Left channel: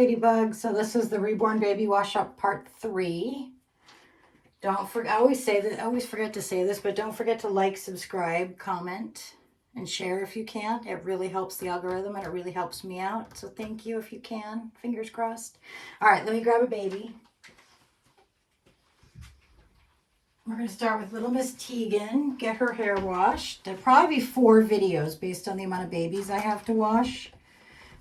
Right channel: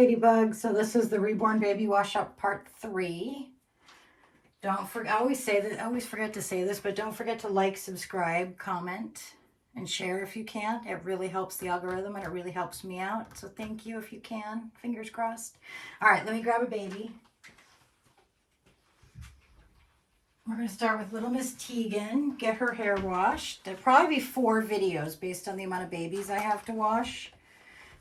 Ladybug. So this is the Reborn Baby Wash Up Part 3. Don't forget, I always say that, I always forget to say this, but don't forget to like, subscribe, comment, and share if you can. It really helps the algorithm and it really helps me out. So thank you if you can. Fingers crossed. All right, let me grab a baby. We're going to start with little Miss Tegan, get her hair washed. There'll probably be 4 videos based on the amount of babies I have to wash.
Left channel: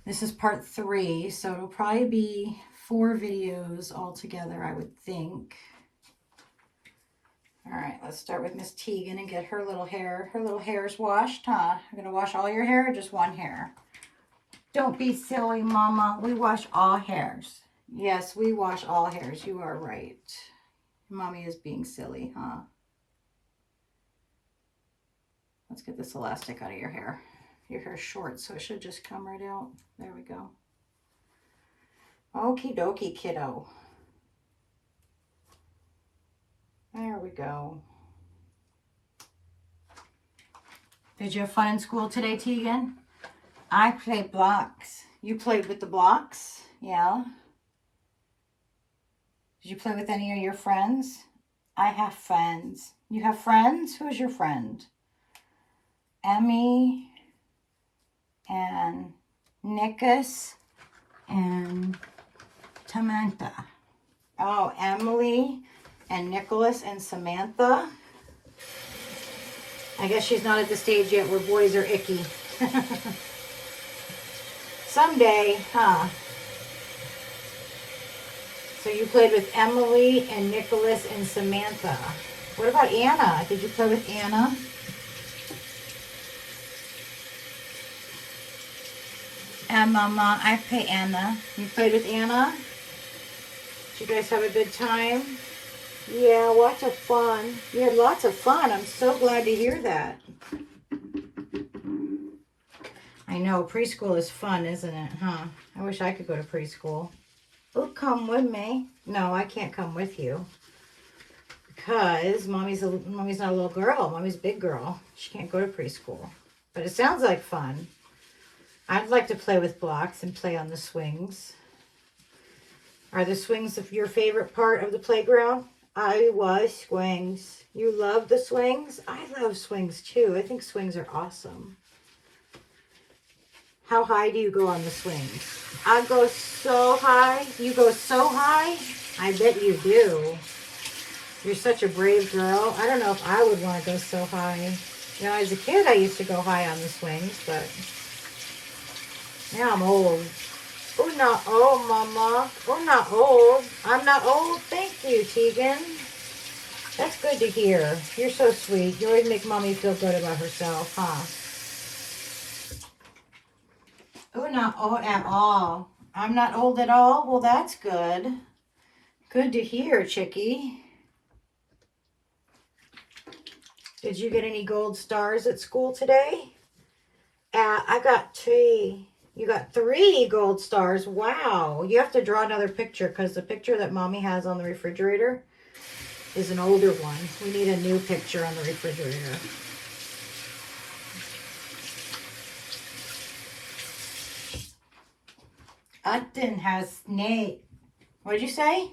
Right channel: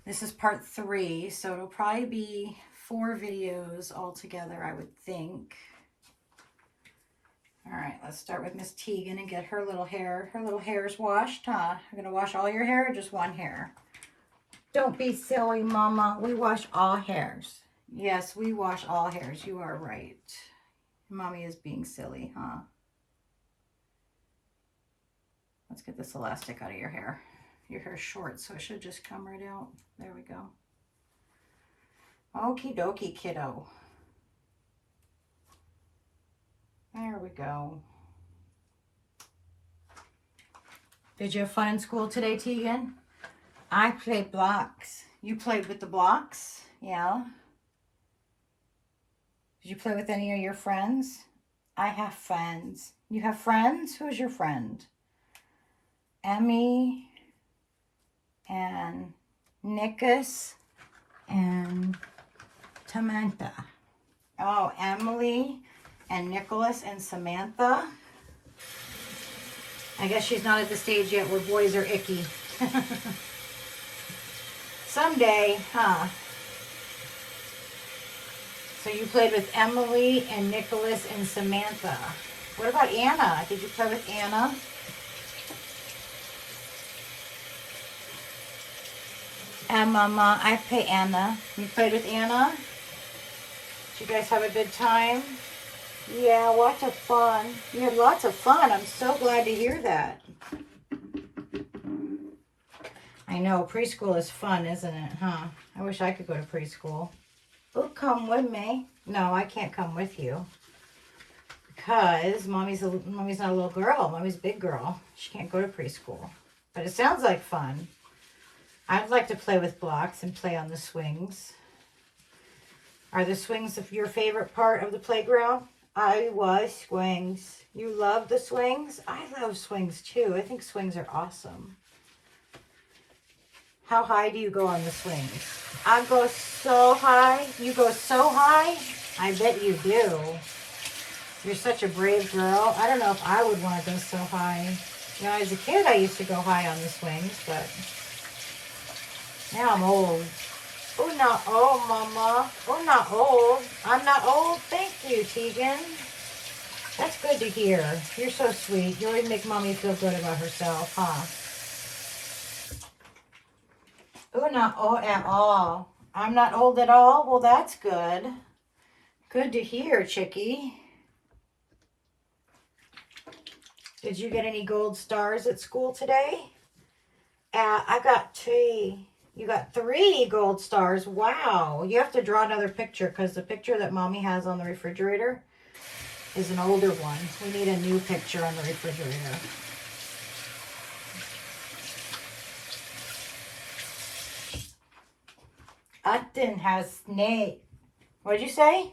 This is part 3, so it'll probably be 4 videos altogether, I would think. All right, let's start with Miss Tegan and get her little hair's washed, huh? You're going to wash all your hair or just one hair? Don't be silly, Mama. We wash all hairs. Yes, we wash all hairs. You are right. Mommy is being silly, huh? Let's get this elastic out of your hair. Your hair's short, so it should just come right out. There we go. Okie dokie, kiddo. There we go. Did you have fun in school today, Tegan? I played blocks. You played with the blocks? Yeah. Did you play with any of your friends? I have friends. You have friends? Who's your friend? Emmy and Nicholas and Samantha. Oh, Emily and Nicholas and Samantha. I guess she's not at the stage yet where boys are icky. Someday, huh? So you played with Emily and Nicholas and Samantha. What about Anna? Did you play with Anna? And Mama, I play Anna. You played with Anna? Did you guys have a good time? Yeah, lots of fun. You had lots of fun. I'm so glad to hear that. I know, preschool is fun, isn't it, huh? I wish I could go to preschool. Oh, come with me. No, I can't come with you. Because Mommy's not a little girl. Mommy's a big girl. She can't go to preschool. But it sounds like fun. I'd like to play with blocks and play on the swings. Are the swings your favorite part of the playground? I love swings. You love the swings? I love swings too. I think swings are awesome. How high do you go on the swings? I go so high. You go so high? I bet you do. You're such a brave girl. I don't know if I would want to go so high. Now, as a kid, I used to go high on the swings, but now I'm old. Oh, not old, Mama. Oh, not old. I'm not old. Thank you, Tegan. That's good to hear. You're so sweet. You always make Mommy feel good about herself, huh? Oh, not old at all. I'm not old at all? Well, that's good. Good to hear, Chickie. Did you get any gold stars at school today? I got 3. You got 3 gold stars. Wow. You have to draw another picture because the picture that Mommy has on the refrigerator is an older one. We need a new picture on the refrigerator. Justin has snake. What'd you say?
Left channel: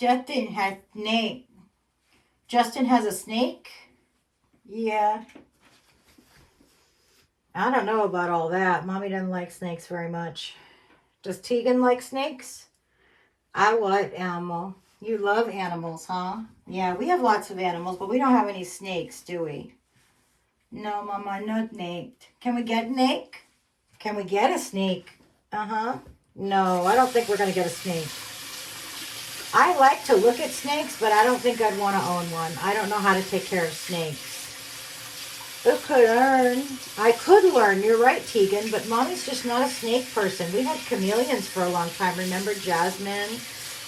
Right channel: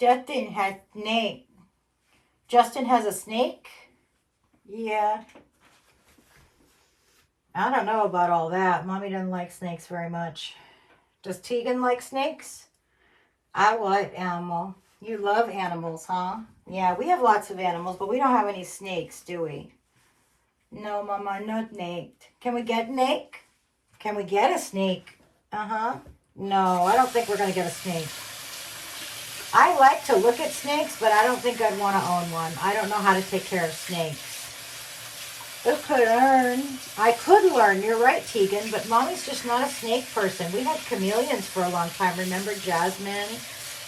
Justin has snake. Justin has a snake? Yeah. I don't know about all that. Mommy doesn't like snakes very much. Does Tegan like snakes? I like animal. You love animals, huh? Yeah, we have lots of animals, but we don't have any snakes, do we? No, Mama, no snake. Can we get a snake? Can we get a snake? Uh-huh. No, I don't think we're going to get a snake. I like to look at snakes, but I don't think I'd want to own one. I don't know how to take care of snakes. Okay, I could learn. You're right, Tegan, but Mommy's just not a snake person. We had chameleons for a long time. Remember Jasmine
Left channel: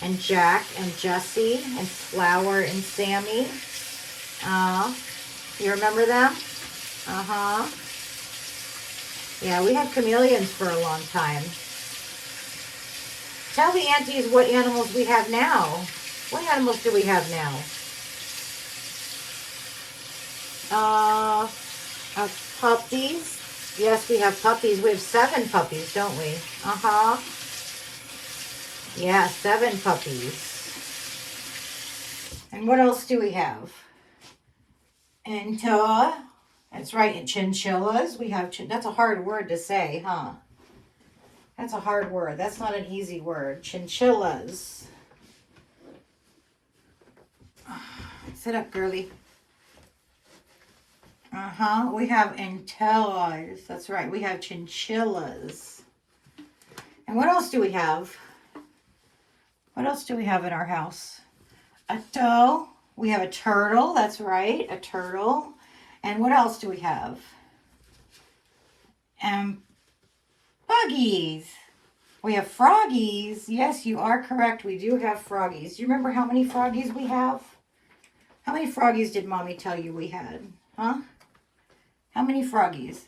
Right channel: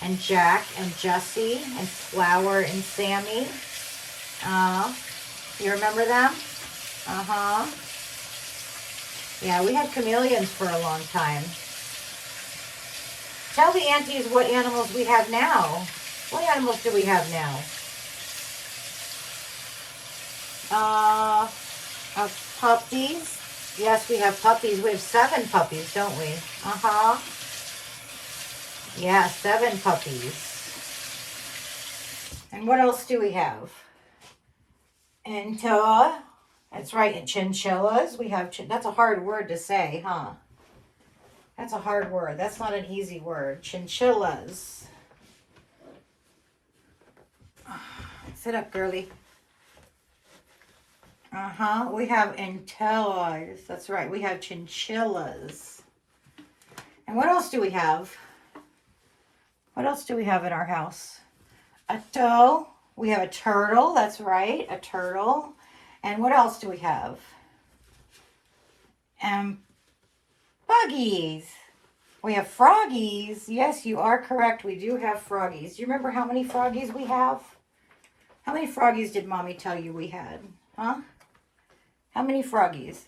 and Jack and Jessie and Flower and Sammy? You remember them? Uh-huh. Yeah, we had chameleons for a long time. Tell the aunties what animals we have now. What animals do we have now? Puppies. Yes, we have puppies. We have 7 puppies, don't we? Uh-huh. Yeah, 7 puppies. And what else do we have? Enta. That's right, and chinchillas. We have, that's a hard word to say, huh? That's a hard word. That's not an easy word. Chinchillas. Sit up, girly. We have entellas. That's right. We have chinchillas. And what else do we have? What else do we have in our house? A toe. We have a turtle. That's right. A turtle. And what else do we have? Buggies. We have froggies. Yes, you are correct. We do have froggies. Do you remember how many froggies we have? How many froggies did Mommy tell you we had? Huh? How many froggies?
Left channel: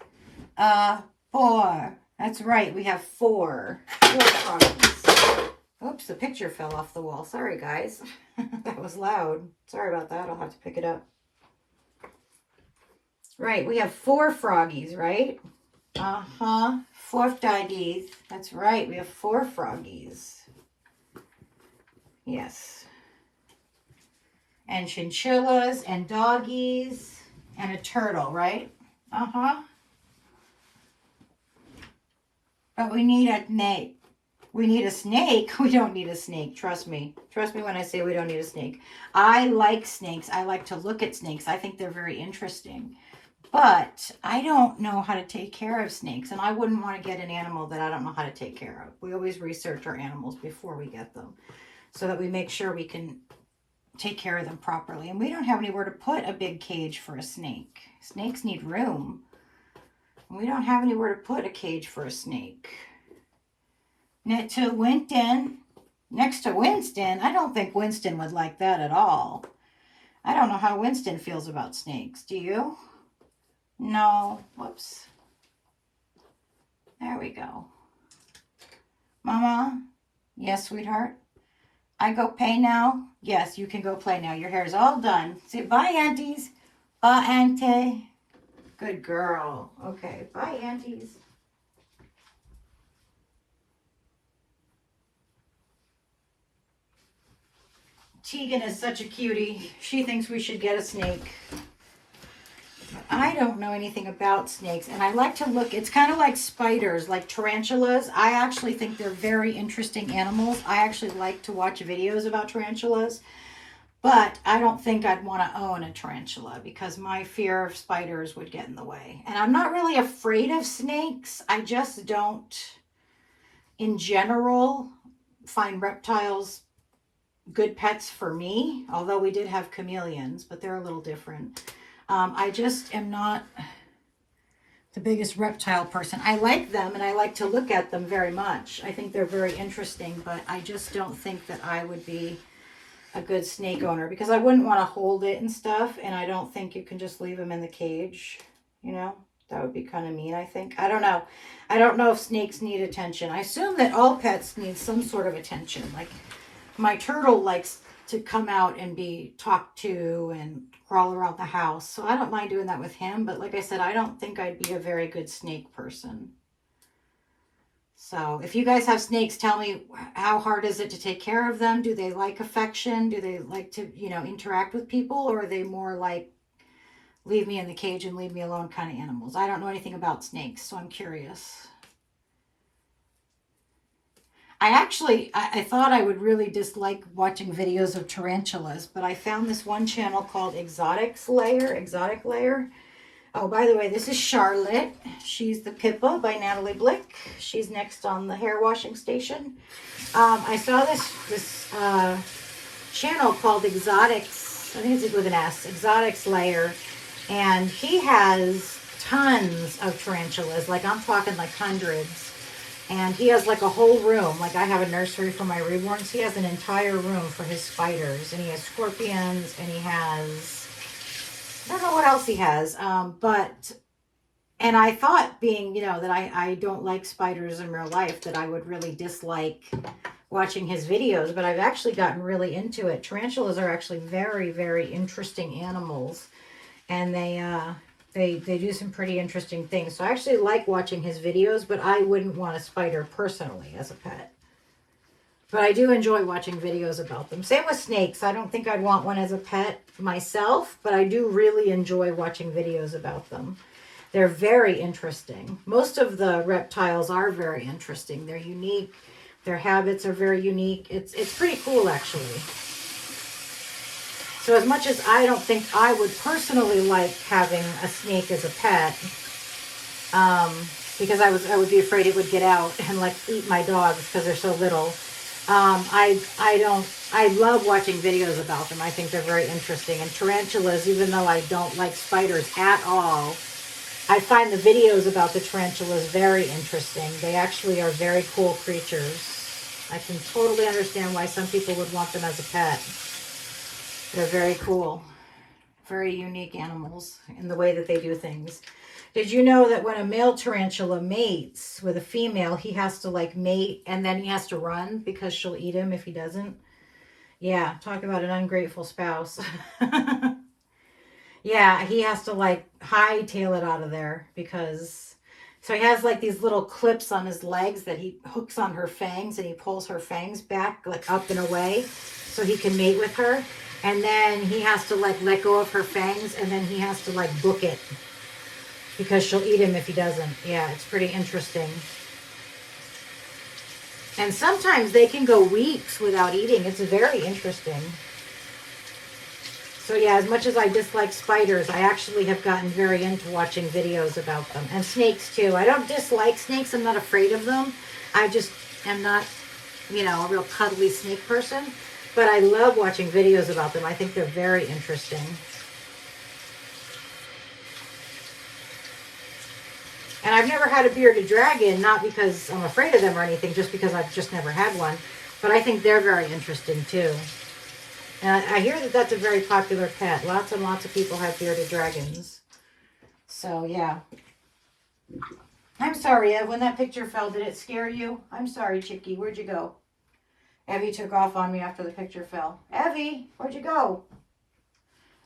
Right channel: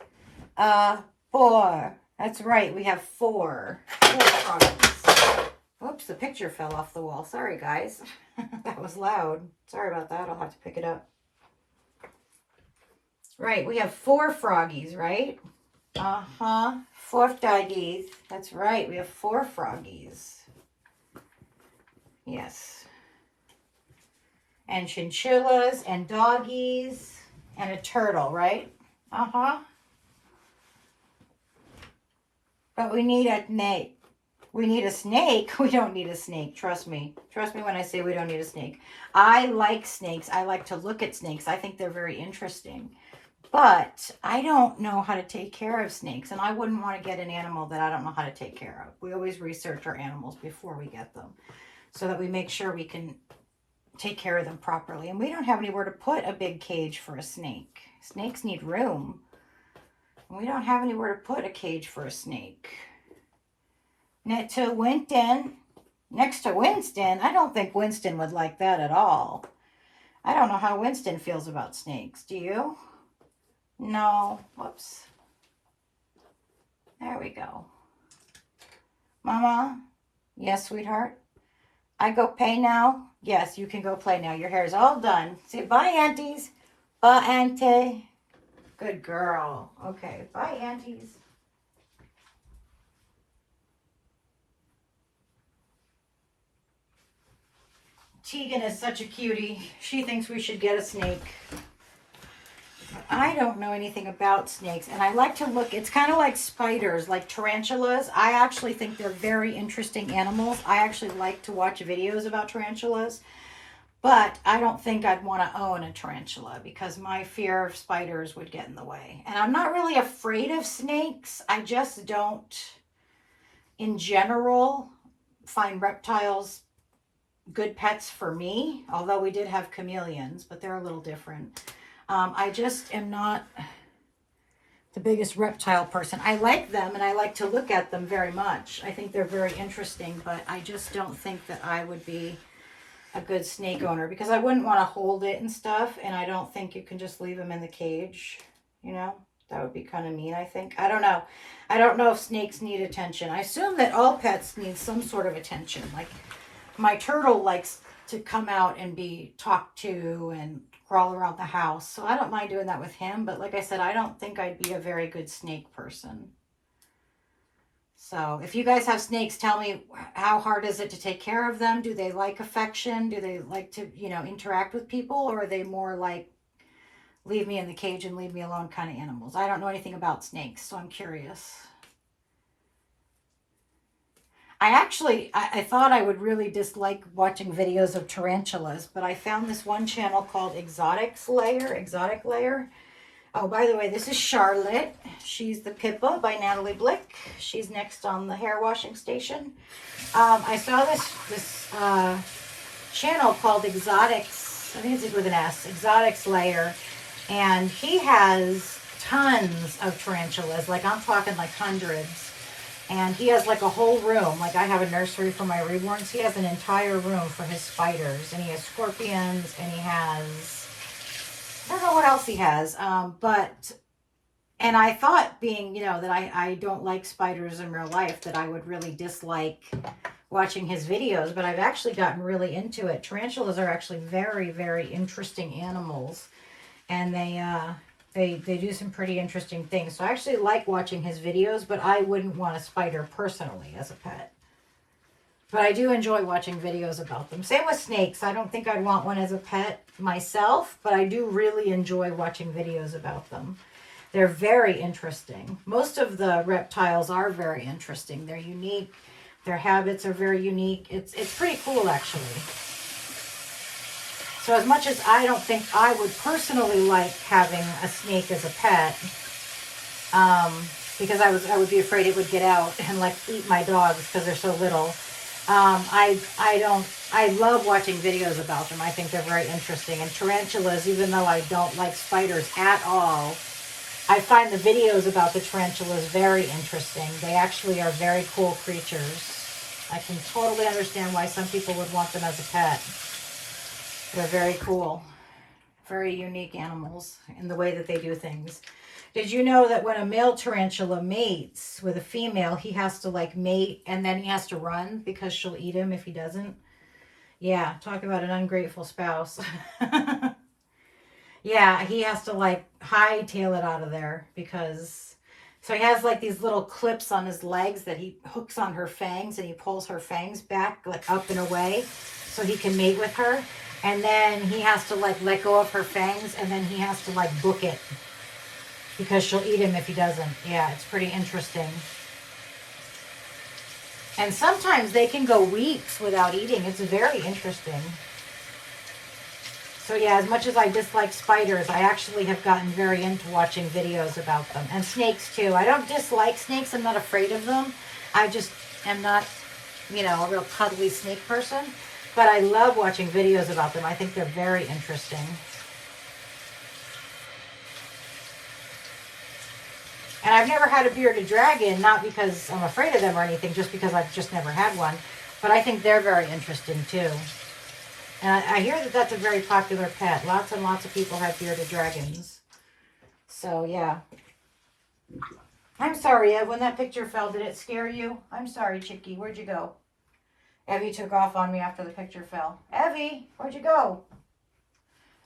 4. That's right. We have 4. 4 froggies. Oops, the picture fell off the wall. Sorry, guys. That was loud. Sorry about that. I'll have to pick it up. Right. We have 4 froggies, right? 4 froggies. That's right. We have 4 froggies. Yes. And chinchillas and doggies and a turtle, right? But we need a snake. We need a snake. We don't need a snake. Trust me. Trust me when I say we don't need a snake. I like snakes. I like to look at snakes. I think they're very interesting. But I don't know how to take care of snakes. And I wouldn't want to get an animal that I don't know how to take care of. We always research our animals before we get them, so that we make sure we can take care of them properly. And we don't have anywhere to put a big cage for a snake. Snakes need room. We don't have anywhere to put a cage for a snake. Next to Winston, I don't think Winston would like that at all. I don't know how Winston feels about snakes. Do you? No. Whoops. There we go. Mama? Yes, sweetheart? I go play now? Yes, you can go play now. Your hair is all done. Say bye, aunties. Bye, auntie. Good girl. Okay, bye, aunties. Tegan is such a cutie. She thinks we should get a snake. I don't know anything about snakes, and I like to look. It's kind of like spiders, like tarantulas. I actually think they're very interesting animals. I actually like to watch videos about tarantulas, but I don't think I'd want to own a tarantula because my fear of spiders would get in the way. And I'm not really afraid of snakes. I just don't, in general, find reptiles good pets for me, although we did have chameleons, but they're a little different. I just am not the biggest reptile person. I like them and I like to look at them very much. I think they're very interesting, but I just don't think that I would be a good snake owner because I wouldn't want to hold it and stuff, and I don't think you can just leave them in the cage, you know? That would be kind of mean, I think. I don't know. I don't know if snakes need attention. I assume that all pets need some sort of attention. Like my turtle likes to come out and be talked to and crawl around the house. So I don't mind doing that with him. But like I said, I don't think I'd be a very good snake person. So if you guys have snakes, tell me, how hard is it to take care of them? Do they like affection? Do they like to, you know, interact with people? Or are they more like, leave me in the cage and leave me alone kind of animals? I don't know anything about snakes, so I'm curious. I thought I would really dislike watching videos of tarantulas, but I found this one channel called Exotic Layer. Oh, by the way, this is Charlotte. She's the Pippa by Natalie Blick. She's next on the hair washing station. I saw this channel called Exotics. I think it's with an S. Exotics Layer. And he has tons of tarantulas. Like, I'm talking like hundreds. And he has like a whole room. Like, I have a nursery for my Reborn. So he has an entire room for his spiders. And he has scorpions. And he has, I don't know what else he has. And I thought, being, you know, that I don't like spiders in real life, that I would really dislike watching his videos. But I've actually gotten really into it. Tarantulas are actually very, very interesting animals. And they do some pretty interesting things. So I actually like watching his videos, but I wouldn't want a spider personally as a pet. But I do enjoy watching videos about them. Same with snakes. I don't think I'd want one as a pet myself, but I do really enjoy watching videos about them. They're very interesting. Most of the reptiles are very interesting. They're unique. Their habits are very unique. It's pretty cool, actually. So as much as I don't think I would personally like having a snake as a pet, because I would be afraid it would get out and like eat my dogs because they're so little. I love watching videos about them. I think they're very interesting. And tarantulas, even though I don't like spiders at all, I find the videos about the tarantulas very interesting. They actually are very cool creatures. I can totally understand why some people would want them as a pet. They're very cool. Very unique animals in the way that they do things. Did you know that when a male tarantula mates with a female, he has to like mate and then he has to run because she'll eat him if he doesn't? Yeah, talk about an ungrateful spouse. Yeah, he has to like hightail it out of there because... So he has like these little clips on his legs that he hooks on her fangs, and he pulls her fangs back like up and away so he can mate with her. And then he has to like let go of her fangs, and then he has to like book it because she'll eat him if he doesn't. Yeah, it's pretty interesting. And sometimes they can go weeks without eating. It's very interesting. So yeah, as much as I dislike spiders, I actually have gotten very into watching videos about them. And snakes too. I don't dislike snakes. I'm not afraid of them. I just am not, you know, a real cuddly snake person. But I love watching videos about them. I think they're very interesting. And I've never had a bearded dragon, not because I'm afraid of them or anything, just because I've just never had one. But I think they're very interesting too. And I hear that that's a very popular pet. Lots and lots of people have bearded dragons. So, yeah. I'm sorry, Ev. When that picture fell, did it scare you? I'm sorry, Chickie. Where'd you go? Evie took off on me after the picture fell. Evie, where'd you go?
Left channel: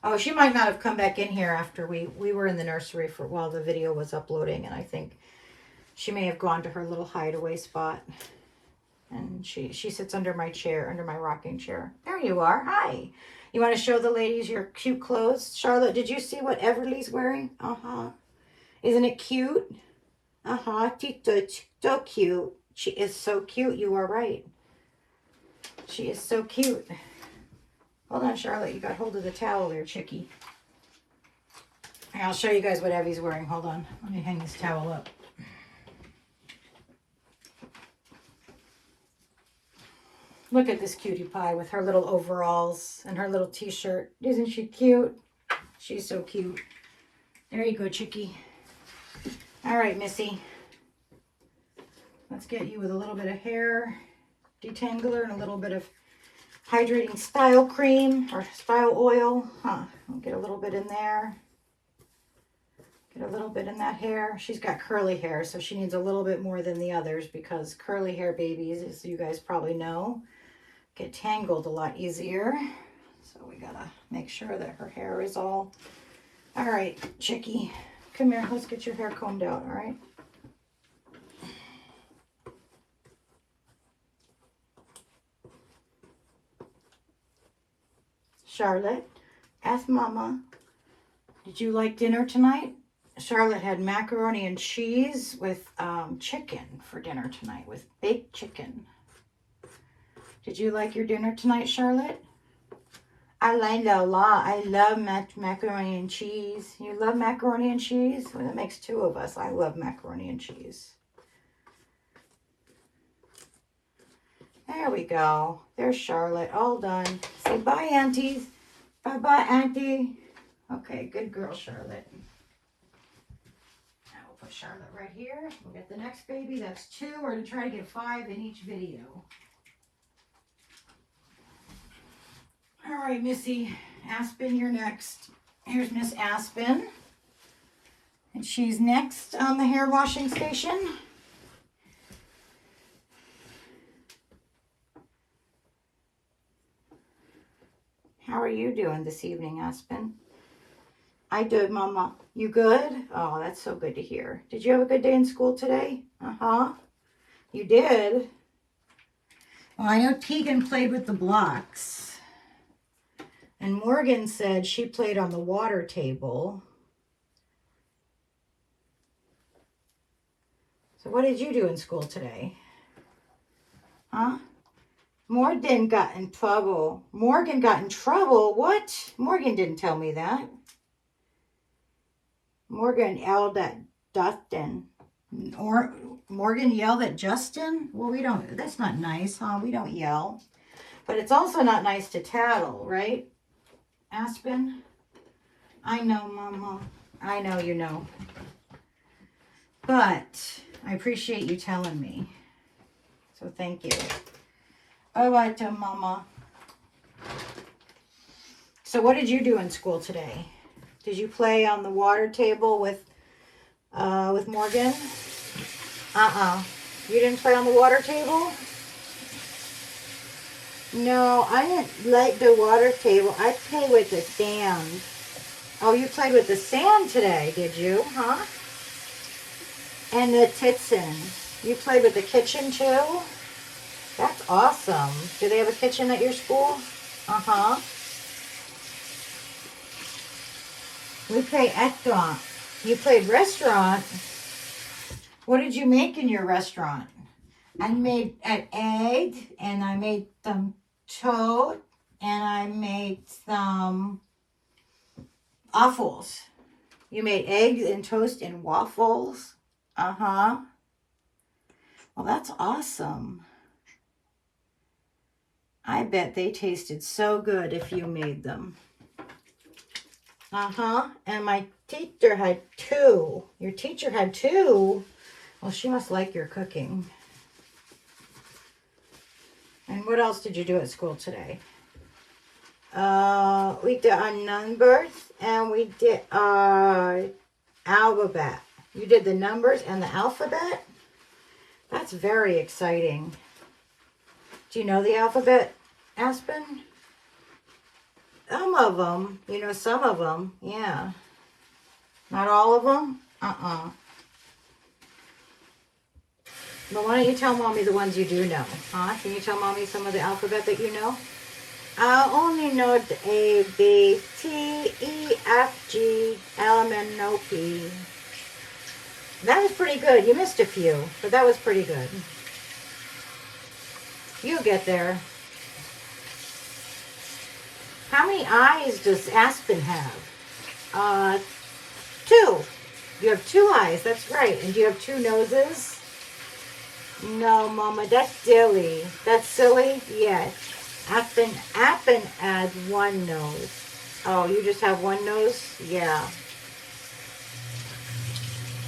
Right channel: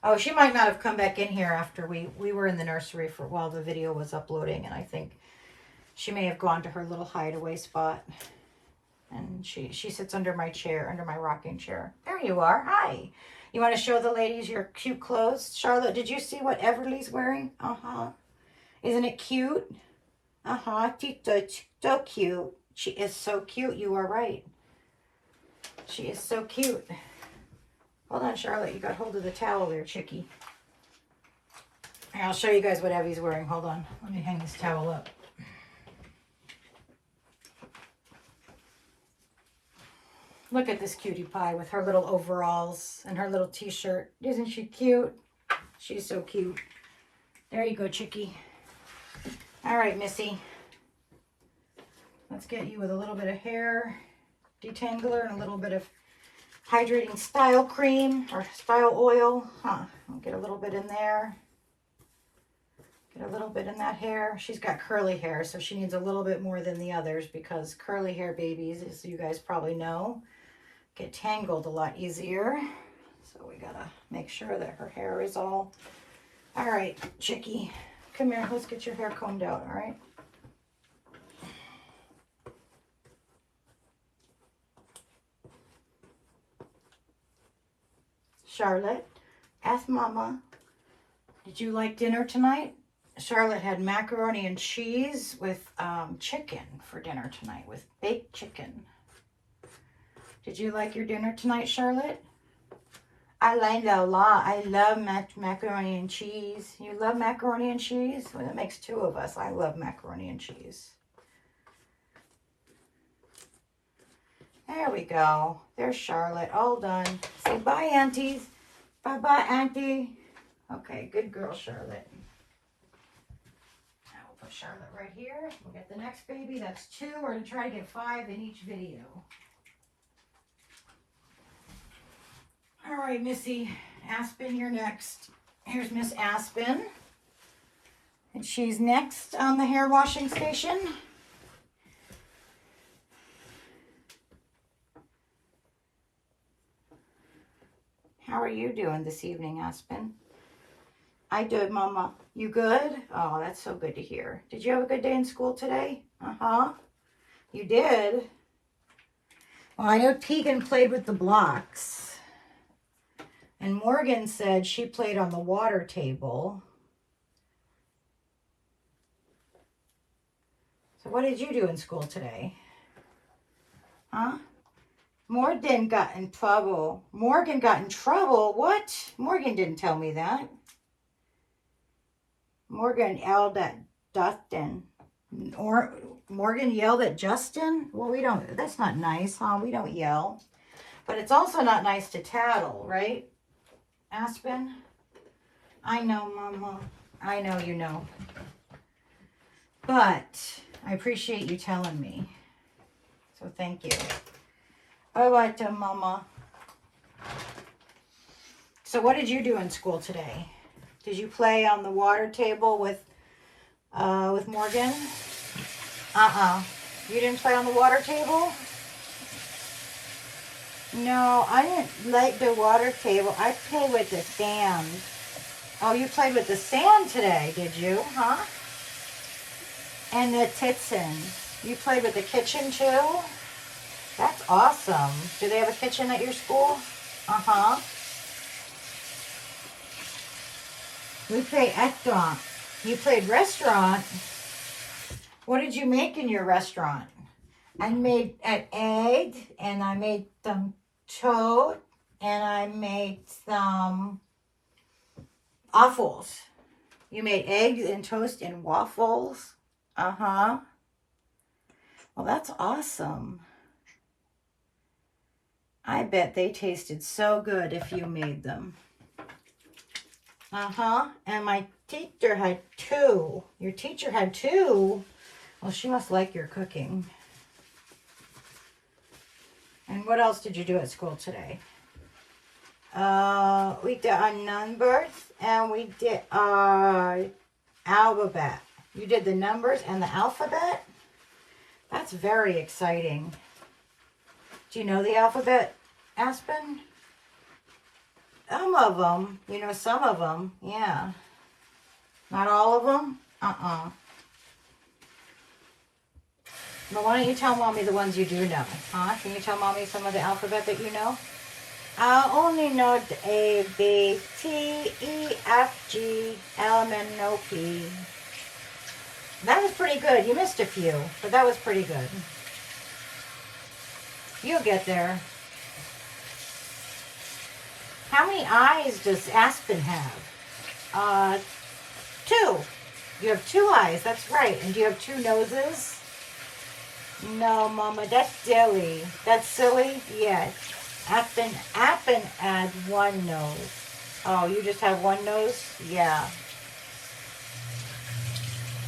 Oh, she might not have come back in here after we were in the nursery for while the video was uploading. And I think she may have gone to her little hideaway spot. And she sits under my chair, under my rocking chair. There you are. Hi. You want to show the ladies your cute clothes? Charlotte, did you see what Everly's wearing? Uh-huh. Isn't it cute? Uh-huh. So cute. She is so cute. You are right. She is so cute. Hold on, Charlotte. You got hold of the towel there, Chickie. Here, I'll show you guys what Evie's wearing. Hold on. Let me hang this towel up. Look at this cutie pie with her little overalls and her little t-shirt. Isn't she cute? She's so cute. There you go, Chickie. All right, Missy. Let's get you with a little bit of hair detangler and a little bit of hydrating style cream or style oil. I'll get a little bit in there. Get a little bit in that hair. She's got curly hair, so she needs a little bit more than the others because curly hair babies, as you guys probably know, get tangled a lot easier. So we gotta make sure that her hair is all right. Chickie, come here. Let's get your hair combed out. All right. Charlotte, ask Mama, did you like dinner tonight? Charlotte had macaroni and cheese with chicken for dinner tonight, with baked chicken. Did you like your dinner tonight, Charlotte? I like that a lot. I love macaroni and cheese. You love macaroni and cheese? Well, that makes two of us. I love macaroni and cheese. There we go. There's Charlotte. All done. Say bye, aunties. Bye-bye, auntie. Okay, good girl, Charlotte. Now we'll put Charlotte right here. We'll get the next baby. That's 2. We're going to try to get 5 in each video. All right, Missy. Aspen, you're next. Here's Miss Aspen. And she's next on the hair washing station. How are you doing this evening, Aspen? I did, Mama. You good? Oh, that's so good to hear. Did you have a good day in school today? Uh-huh. You did? Well, I know Tegan played with the blocks. And Morgan said she played on the water table. So what did you do in school today? Huh? Morgan got in trouble. Morgan got in trouble? What? Morgan didn't tell me that. Morgan yelled at Dustin. Or Morgan yelled at Justin? Well, we don't, that's not nice, huh? We don't yell. But it's also not nice to tattle, right? Aspen? I know, Mama. I know you know. But I appreciate you telling me. So thank you. All right, Mama. So what did you do in school today? Did you play on the water table with Morgan? You didn't play on the water table? No, I didn't like the water table. I played with the sand. Oh, you played with the sand today, did you? Huh? And the kitchen. You played with the kitchen too? That's awesome. Do they have a kitchen at your school? Uh-huh. We play restaurant. You played restaurant? What did you make in your restaurant? I made an egg, and I made some toast, and I made some waffles. You made eggs and toast and waffles? Uh-huh. Well, that's awesome. I bet they tasted so good if you made them. Uh-huh. And my teacher had 2. Your teacher had 2? Well, she must like your cooking. And what else did you do at school today? We did our numbers and we did our alphabet. You did the numbers and the alphabet? That's very exciting. Do you know the alphabet, Aspen? Some of them. You know some of them. Yeah. Not all of them? But why don't you tell Mommy the ones you do know? Huh? Can you tell Mommy some of the alphabet that you know? I only know the A, B, T, E, F, G, L, M, N, O, P. That was pretty good. You missed a few, but that was pretty good. You'll get there. How many eyes does Aspen have? 2. You have 2 eyes. That's right. And do you have 2 noses? No, Mama, that's silly. That's silly? Yes. Aspen had 1 nose. Oh, you just have 1 nose? Yeah.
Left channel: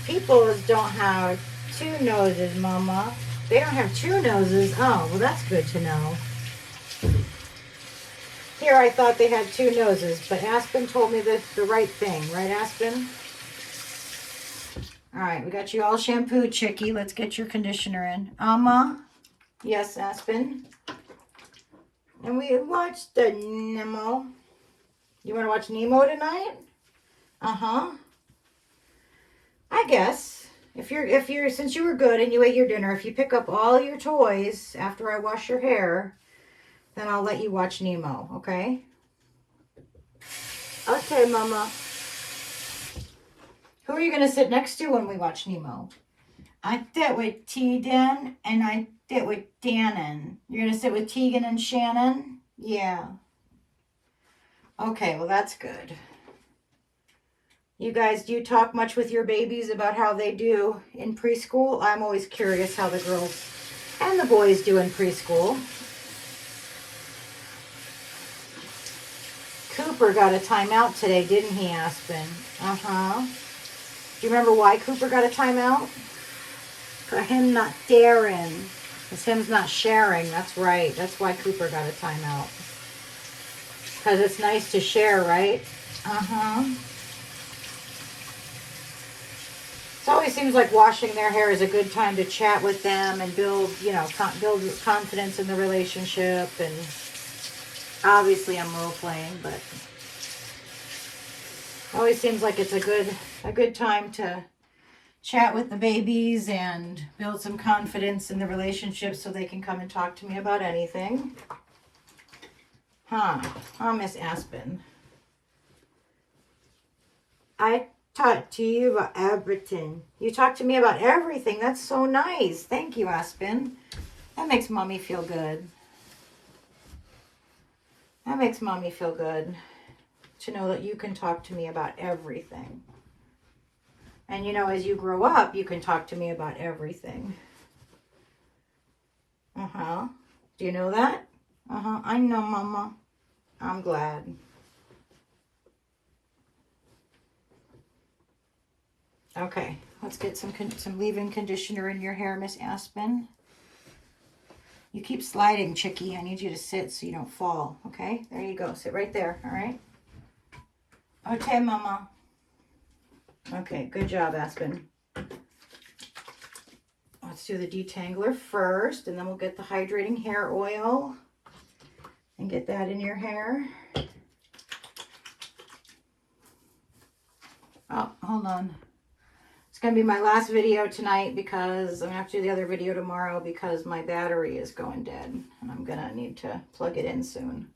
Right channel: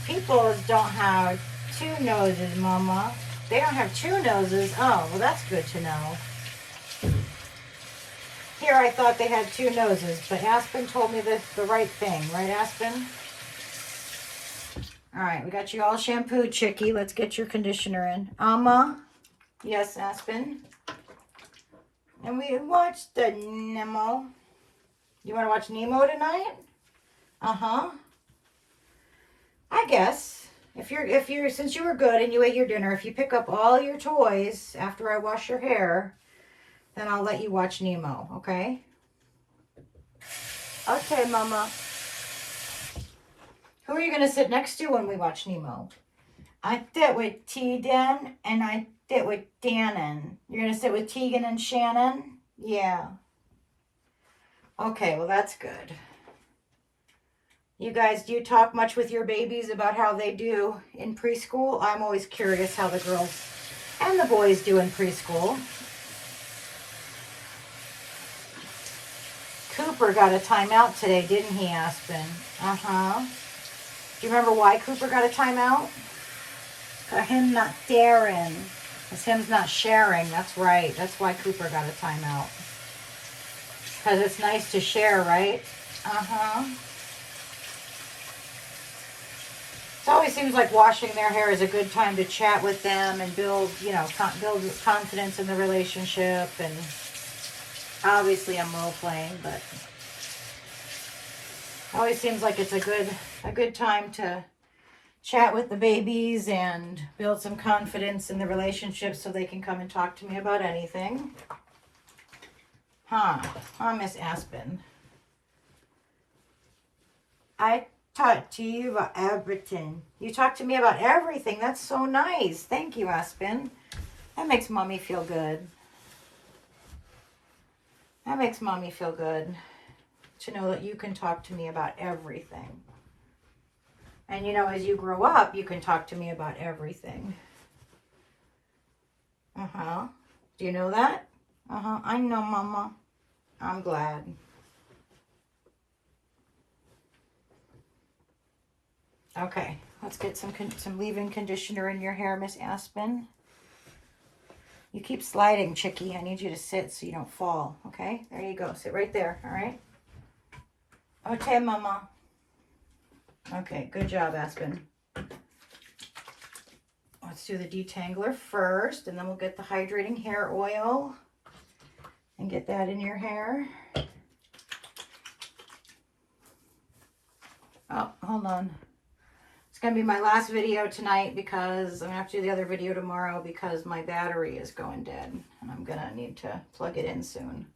People don't have 2 noses, Mama. They don't have 2 noses. Oh, well, that's good to know. Here, I thought they had 2 noses, but Aspen told me the right thing. Right, Aspen? All right, we got you all shampooed, Chickie. Let's get your conditioner in. Yes, Aspen. And we watched the Nemo. You want to watch Nemo tonight? Uh-huh. I guess. If you're, since you were good and you ate your dinner, if you pick up all your toys after I wash your hair, then I'll let you watch Nemo, okay? Okay, Mama. Who are you going to sit next to when we watch Nemo? I sit with Tegan and I sit with Dannon. You're going to sit with Tegan and Shannon? Yeah. Okay, well, that's good. You guys, do you talk much with your babies about how they do in preschool? I'm always curious how the girls and the boys do in preschool. Cooper got a timeout today, didn't he, Aspen? Uh-huh. Do you remember why Cooper got a timeout? Because him not sharing. Because him's not sharing. That's right. That's why Cooper got a timeout. Because it's nice to share, right? Uh-huh. It always seems like washing their hair is a good time to chat with them and build, you know, build confidence in the relationship. And obviously I'm role playing, but always seems like it's a good time to chat with the babies and build some confidence in the relationship so they can come and talk to me about anything. Huh, Miss Aspen. I talk to you about everything. You talk to me about everything. That's so nice. Thank you, Aspen. That makes Mommy feel good. That makes Mommy feel good to know that you can talk to me about everything. And you know, as you grow up, you can talk to me about everything. Uh-huh. Do you know that? Uh-huh. I know, Mama. I'm glad. Okay, let's get some leave-in conditioner in your hair, Miss Aspen. You keep sliding, Chickie. I need you to sit so you don't fall, okay? There you go. Sit right there, all right? Okay, Mama. Okay, good job, Aspen. Let's do the detangler first, and then we'll get the hydrating hair oil and get that in your hair. Oh, hold on. It's going to be my last video tonight because I'm going to have to do the other video tomorrow because my battery is going dead, and I'm going to need to plug it in soon.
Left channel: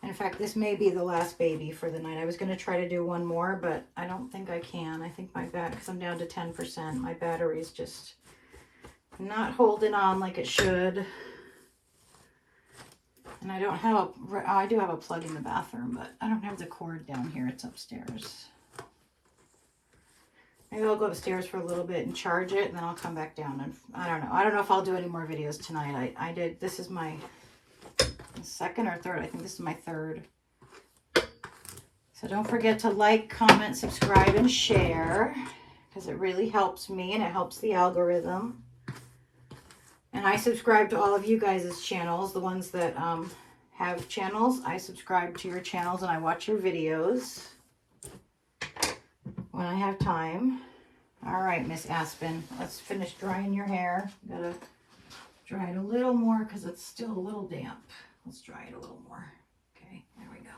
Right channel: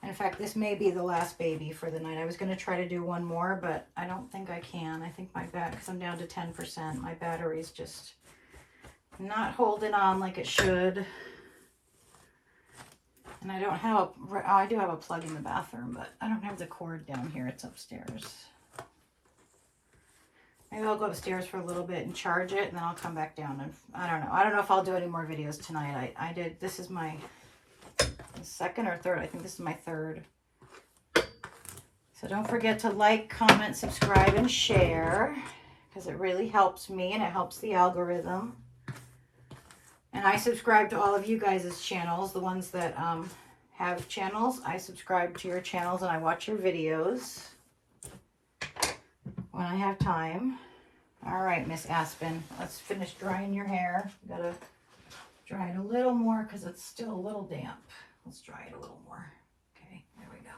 And in fact, this may be the last baby for the night. I was going to try to do one more, but I don't think I can. I think my because I'm down to 10%. My battery's just not holding on like it should. And I don't have, I do have a plug in the bathroom, but I don't have the cord down here. It's upstairs. Maybe I'll go upstairs for a little bit and charge it, and then I'll come back down. And I don't know. I don't know if I'll do any more videos tonight. I did, this is my second or third. I think this is my third. So don't forget to like, comment, subscribe, and share, because it really helps me and it helps the algorithm. And I subscribe to all of you guys' channels, the ones that have channels. I subscribe to your channels and I watch your videos when I have time. All right, Miss Aspen, let's finish drying your hair. You gotta dry it a little more because it's still a little damp. Let's dry it a little more. Okay, there we go.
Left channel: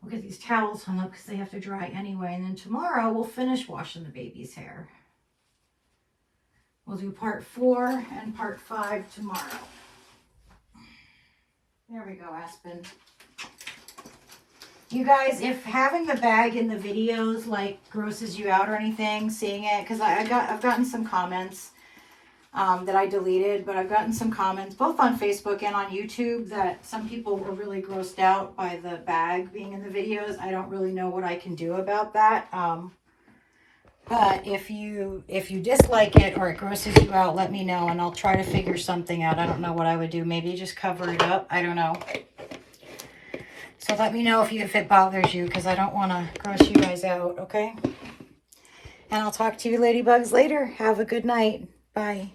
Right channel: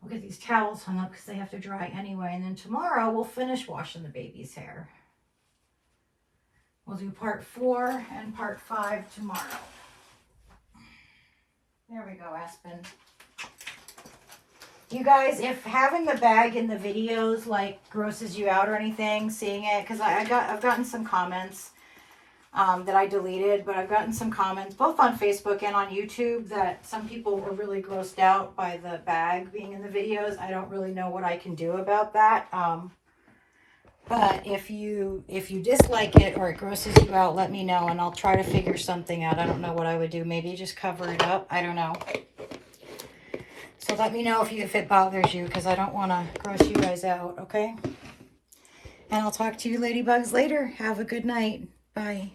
We'll get these towels hung up because they have to dry anyway. And then tomorrow we'll finish washing the baby's hair. We'll do part 4 and part 5 tomorrow. There we go, Aspen. You guys, if having the bag in the videos like grosses you out or anything, seeing it, because I've gotten some comments that I deleted, but I've gotten some comments both on Facebook and on YouTube that some people were really grossed out by the bag being in the videos. I don't really know what I can do about that. But if you dislike it or it grosses you out, let me know and I'll try to figure something out. I don't know what I would do. Maybe just cover it up. I don't know. So let me know if it bothers you, because I don't want to gross you guys out, okay? And I'll talk to you ladybugs later. Have a good night. Bye.